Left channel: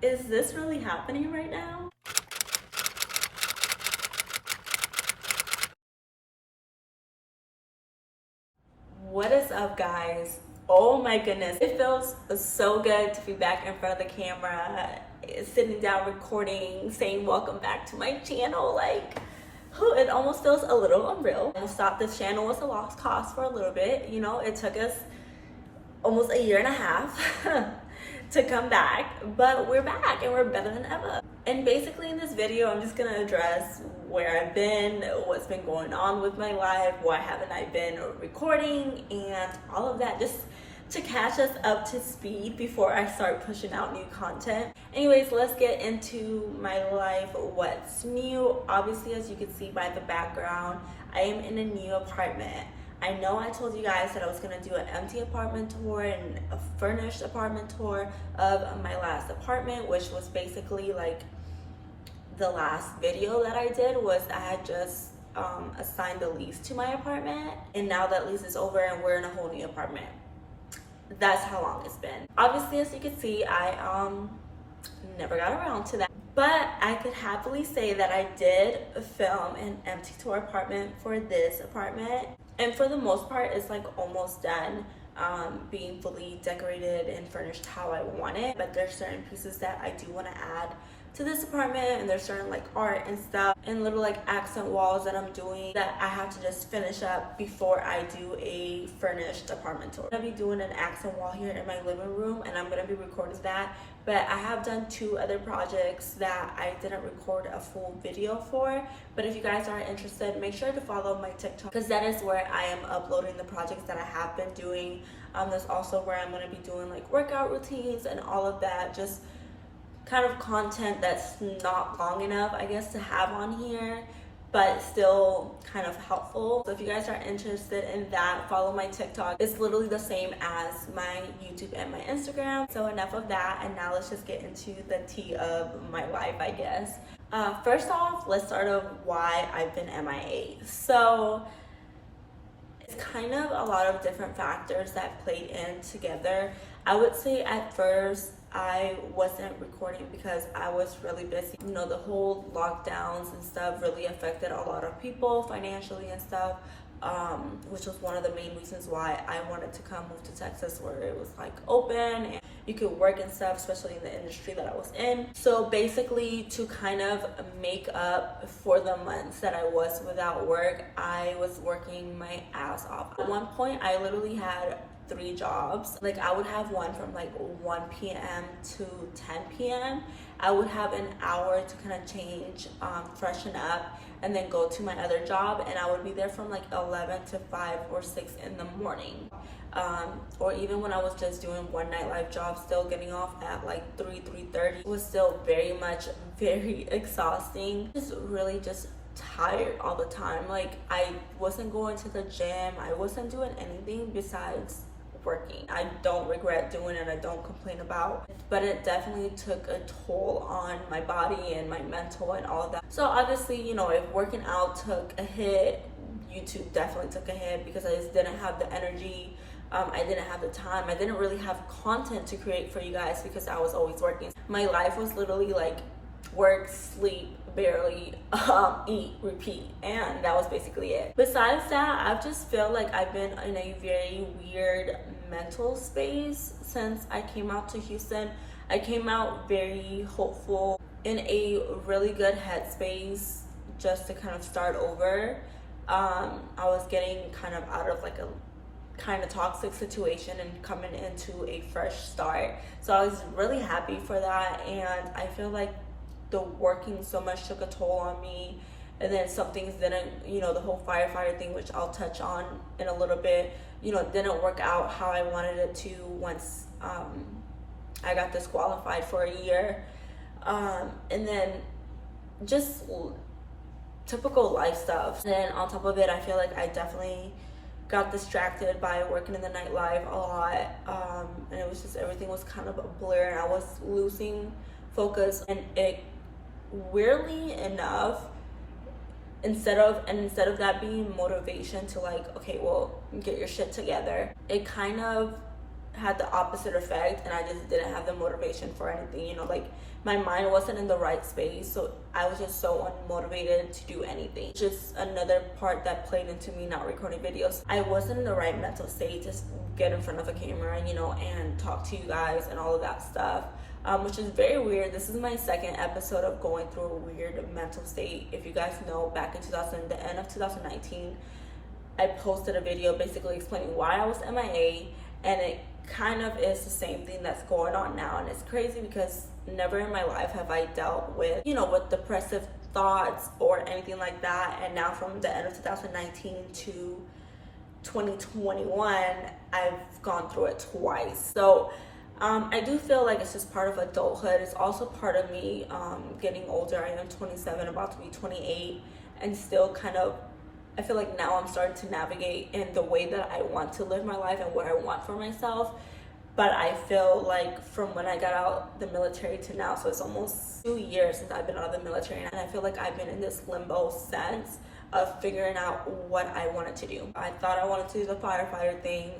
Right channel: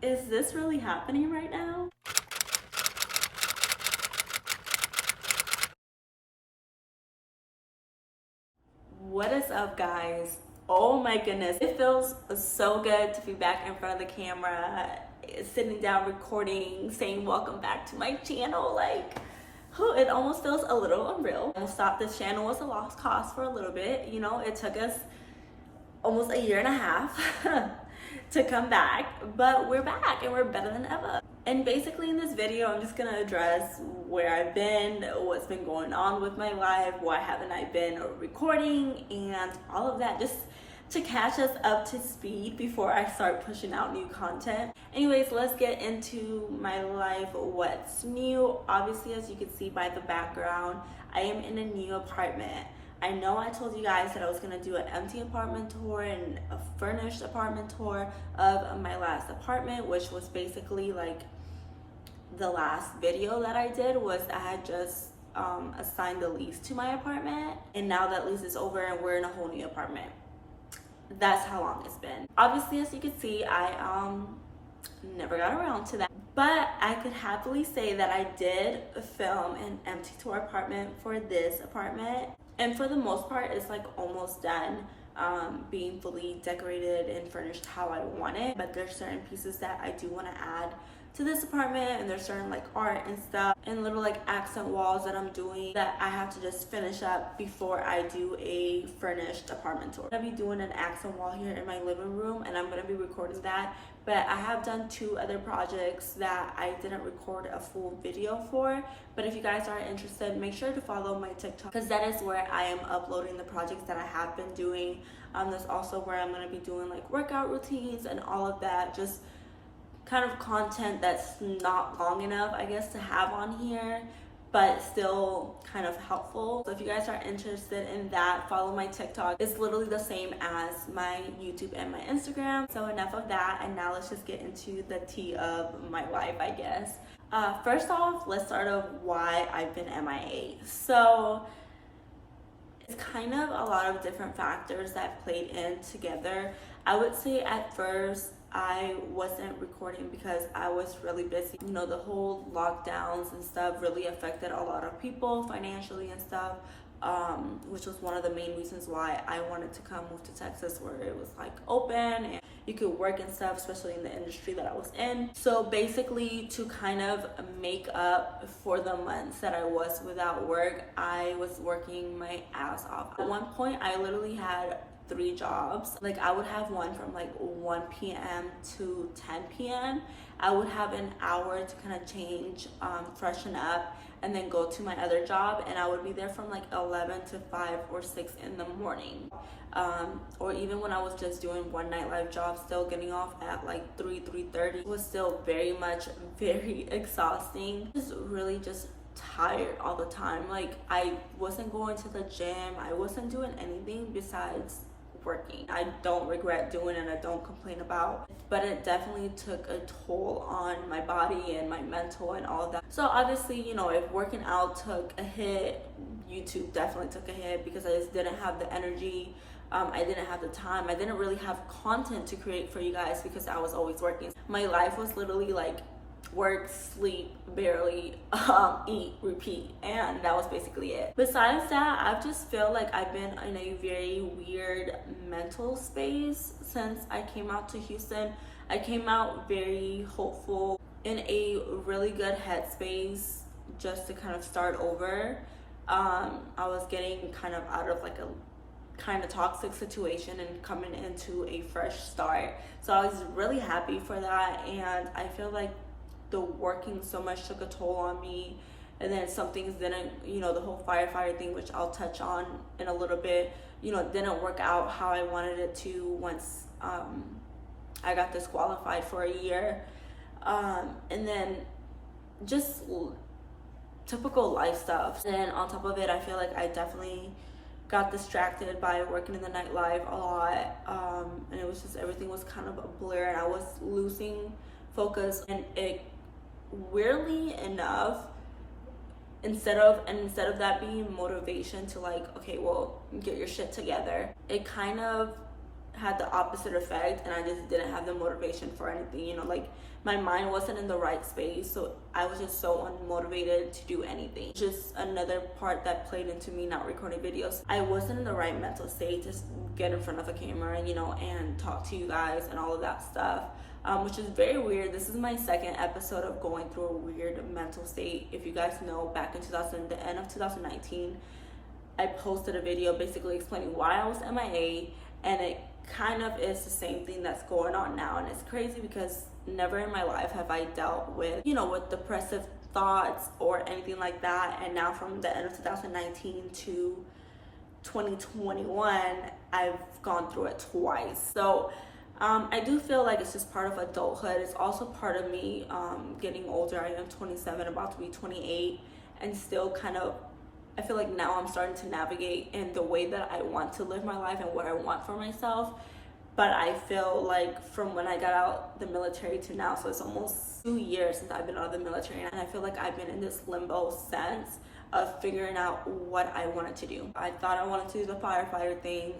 Is this really happening right now? What is up, guys? Oh my goodness, it feels so good to be back in front of the camera, sitting down, recording, saying welcome back to my channel. Like, it almost feels a little unreal. I thought this channel was a lost cause for a little bit. You know, it took us almost a year and a half to come back, but we're back and we're better than ever. And basically in this video, I'm just gonna address where I've been, what's been going on with my life, why haven't I been recording, and all of that, just to catch us up to speed before I start pushing out new content. Anyways, let's get into my life, what's new. Obviously, as you can see by the background, I am in a new apartment. I know I told you guys that I was gonna do an empty apartment tour and a furnished apartment tour of my last apartment, which was basically like the last video that I did was I had just assigned the lease to my apartment, and now that lease is over and we're in a whole new apartment. That's how long it's been. Obviously, as you can see, I never got around to that, but I could happily say that I did film an empty tour apartment for this apartment, and for the most part it's like almost done, being fully decorated and furnished how I want it. But there's certain pieces that I do want to add to this apartment, and there's certain like art and stuff and little like accent walls that I'm doing that I have to just finish up before I do a furnished apartment tour. I'm gonna be doing an accent wall here in my living room, and I'm gonna be recording that. But I have done 2 other projects that I didn't record a full video for. But if you guys are interested, make sure to follow my TikTok, because that is where I am uploading the projects that I have been doing. That's also where I'm gonna be doing like workout routines and all of that, just kind of content that's not long enough, I guess, to have on here, but still kind of helpful. So if you guys are interested in that, follow my TikTok. It's literally the same as my YouTube and my Instagram. So enough of that, and now let's just get into the tea of my life, I guess. First off, let's start off why I've been MIA. So it's kind of a lot of different factors that played in together. I would say at first I wasn't recording because I was really busy. You know, the whole lockdowns and stuff really affected a lot of people financially and stuff, which was one of the main reasons why I wanted to come move to Texas, where it was like open and you could work and stuff, especially in the industry that I was in. So basically, to kind of make up for the months that I was without work, I was working my ass off. At one point, I literally had 3 jobs. Like, I would have one from like 1 p.m. to 10 p.m. I would have an hour to kind of change, freshen up, and then go to my other job, and I would be there from like 11 to 5 or 6 in the morning. Or even when I was just doing one nightlife job, still getting off at like 3:30, it was still very exhausting. Just really just tired all the time. Like, I wasn't going to the gym, I wasn't doing anything besides working. I don't regret doing it, I don't complain about, but it definitely took a toll on my body and my mental and all of that. So obviously, you know, if working out took a hit, YouTube definitely took a hit, because I just didn't have the energy. I didn't have the time. I didn't really have content to create for you guys because I was always working. My life was literally like work, sleep, barely, eat, repeat, and that was basically it. Besides that, I've just felt like I've been in a very weird mental space since I came out to Houston. I came out very hopeful, in a really good headspace, just to kind of start over. I was getting kind of out of like a kind of toxic situation and coming into a fresh start. So I was really happy for that, and I feel like the working so much took a toll on me. And then some things didn't, you know, the whole firefighter thing, which I'll touch on in a little bit, you know, didn't work out how I wanted it to once I got disqualified for a year. And then just typical life stuff. And then on top of it, I feel like I definitely got distracted by working in the nightlife a lot, and it was just, everything was kind of a blur, and I was losing focus. And it, weirdly enough, instead of that being motivation to like, okay, well, get your shit together, it kind of had the opposite effect, and I just didn't have the motivation for anything, you know, like my mind wasn't in the right space, so I was just so unmotivated to do anything. Just another part that played into me not recording videos. I wasn't in the right mental state to get in front of a camera, you know, and talk to you guys and all of that stuff, which is very weird. This is my second episode of going through a weird mental state. If you guys know, back in the end of 2019, I posted a video basically explaining why I was MIA, and it kind of is the same thing that's going on now. And it's crazy because never in my life have I dealt with, you know, with depressive thoughts or anything like that. And now from the end of 2019 to 2021, I've gone through it twice. So I do feel like it's just part of adulthood. It's also part of me getting older. I am 27, about to be 28, and still kind of, I feel like now I'm starting to navigate in the way that I want to live my life and what I want for myself. But I feel like from when I got out the military to now, so it's almost 2 years since I've been out of the military, and I feel like I've been in this limbo sense of figuring out what I wanted to do. I thought I wanted to do the firefighter thing,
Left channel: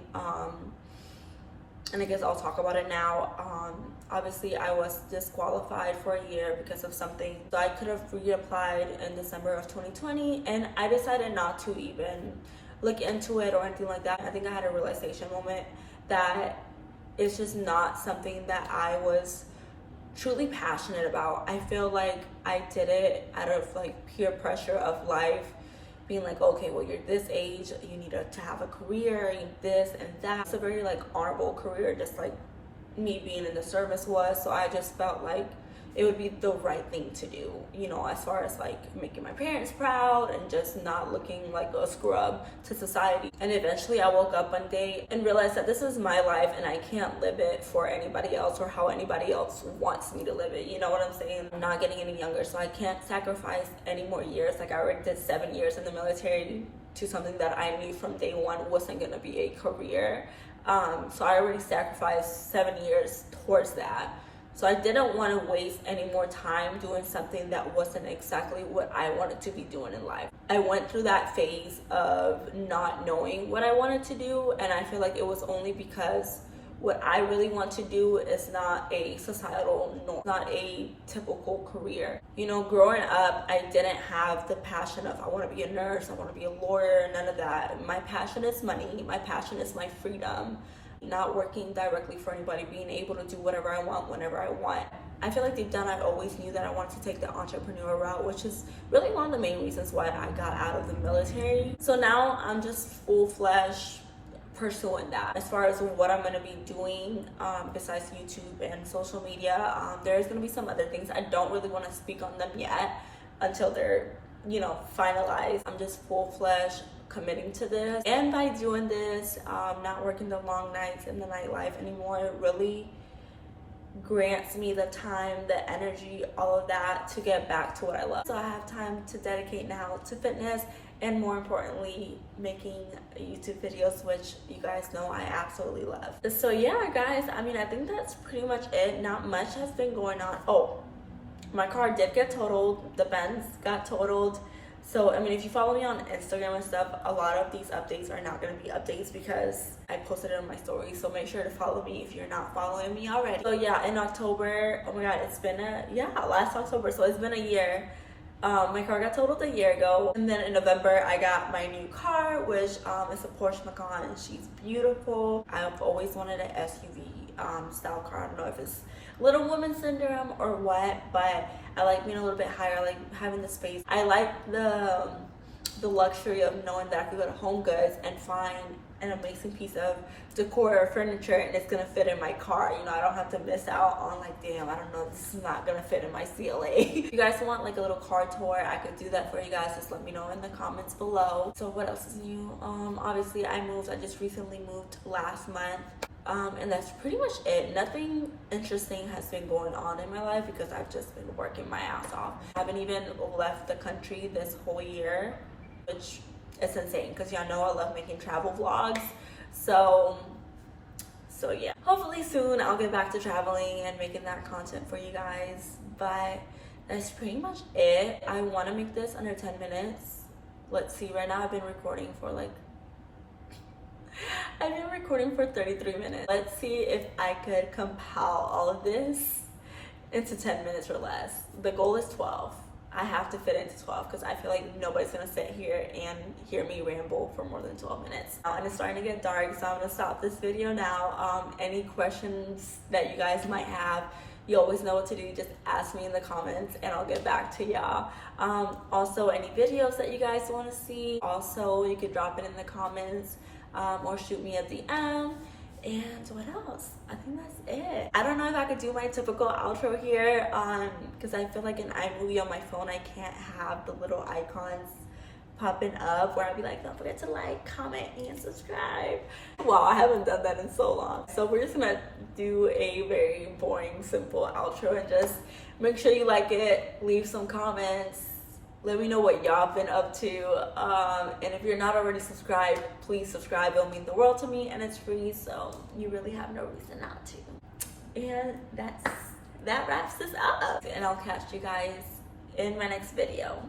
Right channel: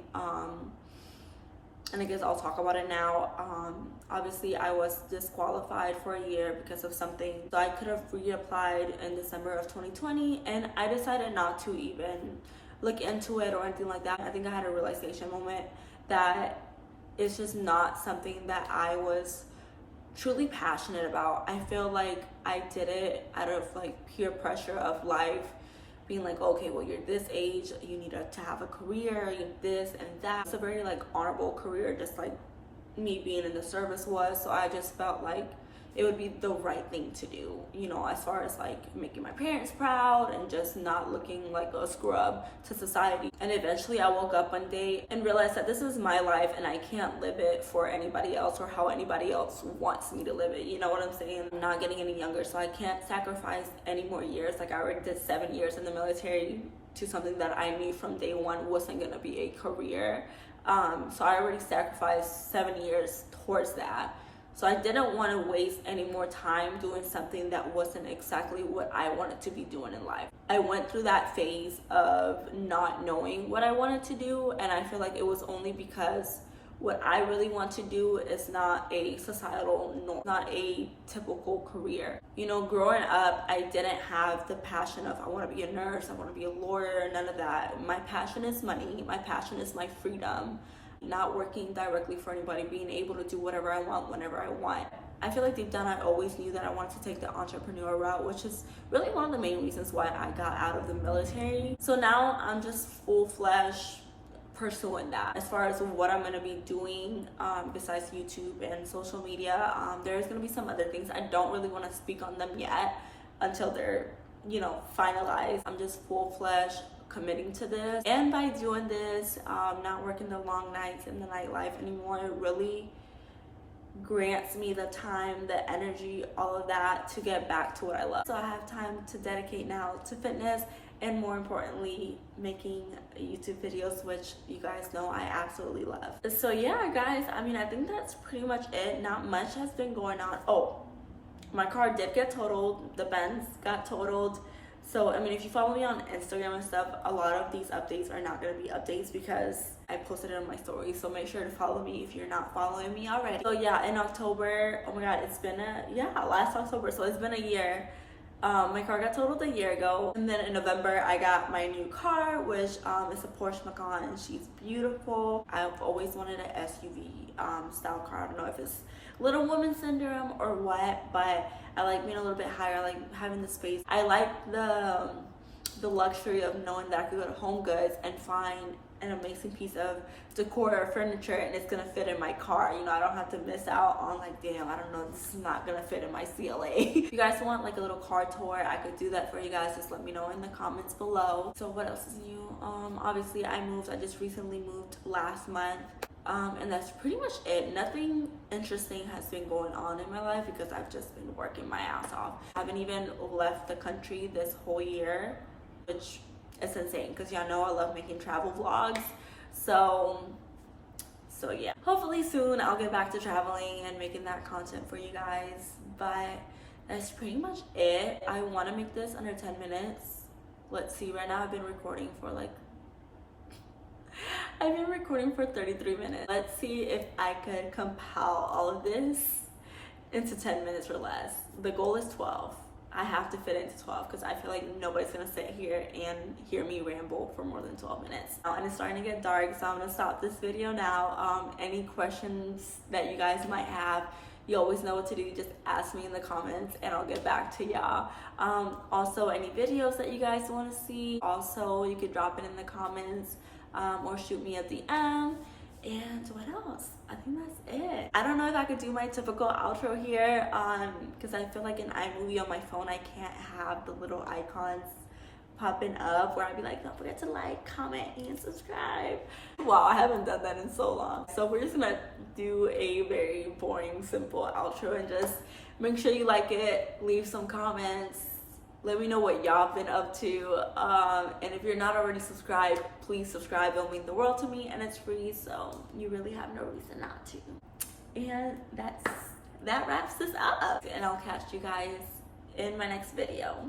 and I guess I'll talk about it now. Obviously, I was disqualified for a year because of something, so I could have reapplied in December of 2020, and I decided not to even look into it or anything like that. I think I had a realization moment that it's just not something that I was truly passionate about. I feel like I did it out of like peer pressure of life, being like, okay, well, you're this age, you need to have a career, you need this and that. It's a very like honorable career, just like me being in the service was. So I just felt like it would be the right thing to do, you know, as far as like making my parents proud and just not looking like a scrub to society. And eventually I woke up one day and realized that this is my life and I can't live it for anybody else or how anybody else wants me to live it. You know what I'm saying? I'm not getting any younger, so I can't sacrifice any more years. Like I already did 7 years in the military to something that I knew from day one wasn't gonna be a career. So I already sacrificed 7 years towards that. So I didn't want to waste any more time doing something that wasn't exactly what I wanted to be doing in life. I went through that phase of not knowing what I wanted to do, and I feel like it was only because what I really want to do is not a societal norm, not a typical career. You know, growing up, I didn't have the passion of I want to be a nurse, I want to be a lawyer, none of that. My passion is money. My passion is my freedom. Not working directly for anybody, being able to do whatever I want whenever I want. I feel like deep down I always knew that I wanted to take the entrepreneur route, which is really one of the main reasons why I got out of the military. So now I'm just full-fledged pursuing that. As far as what I'm going to be doing besides YouTube and social media, there's going to be some other things. I don't really want to speak on them yet until they're, you know, finalized. I'm just full-fledged committing to this, and by doing this, not working the long nights in the nightlife anymore, it really grants me the time, the energy, all of that to get back to what I love. So I have time to dedicate now to fitness, and more importantly, making YouTube videos, which you guys know I absolutely love. So yeah, guys, I mean, I think that's pretty much it. Not much has been going on. Oh, my car did get totaled. The Benz got totaled. So, I mean, if you follow me on Instagram and stuff, a lot of these updates are not going to be updates because I posted it on my story. So make sure to follow me if you're not following me already. So yeah, in October, oh my God, it's been last October. So it's been a year. My car got totaled a year ago. And then in November, I got my new car, which is a Porsche Macan, and she's beautiful. I've always wanted an SUV style car. I don't know if it's little woman syndrome or what, but I like being a little bit higher. I like having the space. I like the luxury of knowing that I could go to Home Goods and find an amazing piece of decor or furniture and it's gonna fit in my car. You know, I don't have to miss out on like, damn, I don't know, this is not gonna fit in my CLA. If you guys want like a little car tour, I could do that for you guys. Just let me know in the comments below. So what else is new? Obviously I just recently moved last month. And that's pretty much it. Nothing interesting has been going on in my life because I've just been working my ass off. I haven't even left the country this whole year, which is insane because y'all know I love making travel vlogs. So yeah, hopefully soon I'll get back to traveling and making that content for you guys. But that's pretty much it. I want to make this under 10 minutes. Let's see, right now I've been recording for like I've been recording for 33 minutes. Let's see if I could compile all of this into 10 minutes or less. The goal is 12. I have to fit into 12 because I feel like nobody's gonna sit here and hear me ramble for more than 12 minutes. And it's starting to get dark, so I'm gonna stop this video now. Any questions that you guys might have, you always know what to do. Just ask me in the comments and I'll get back to y'all. Also, any videos that you guys want to see, also you can drop it in the comments or shoot me a DM. And what else? I think that's it. I don't know if I could do my typical outro here because I feel like in iMovie on my phone I can't have the little icons popping up where I'd be like, don't forget to like, comment, and subscribe. Wow, I haven't done that in so long. So we're just gonna do a very boring, simple outro and just make sure you like it, leave some comments, let me know what y'all been up to. And if you're not already subscribed, please subscribe. It'll mean the world to me and it's free, so you really have no reason not to. And that wraps this up. And I'll catch you guys in my next video.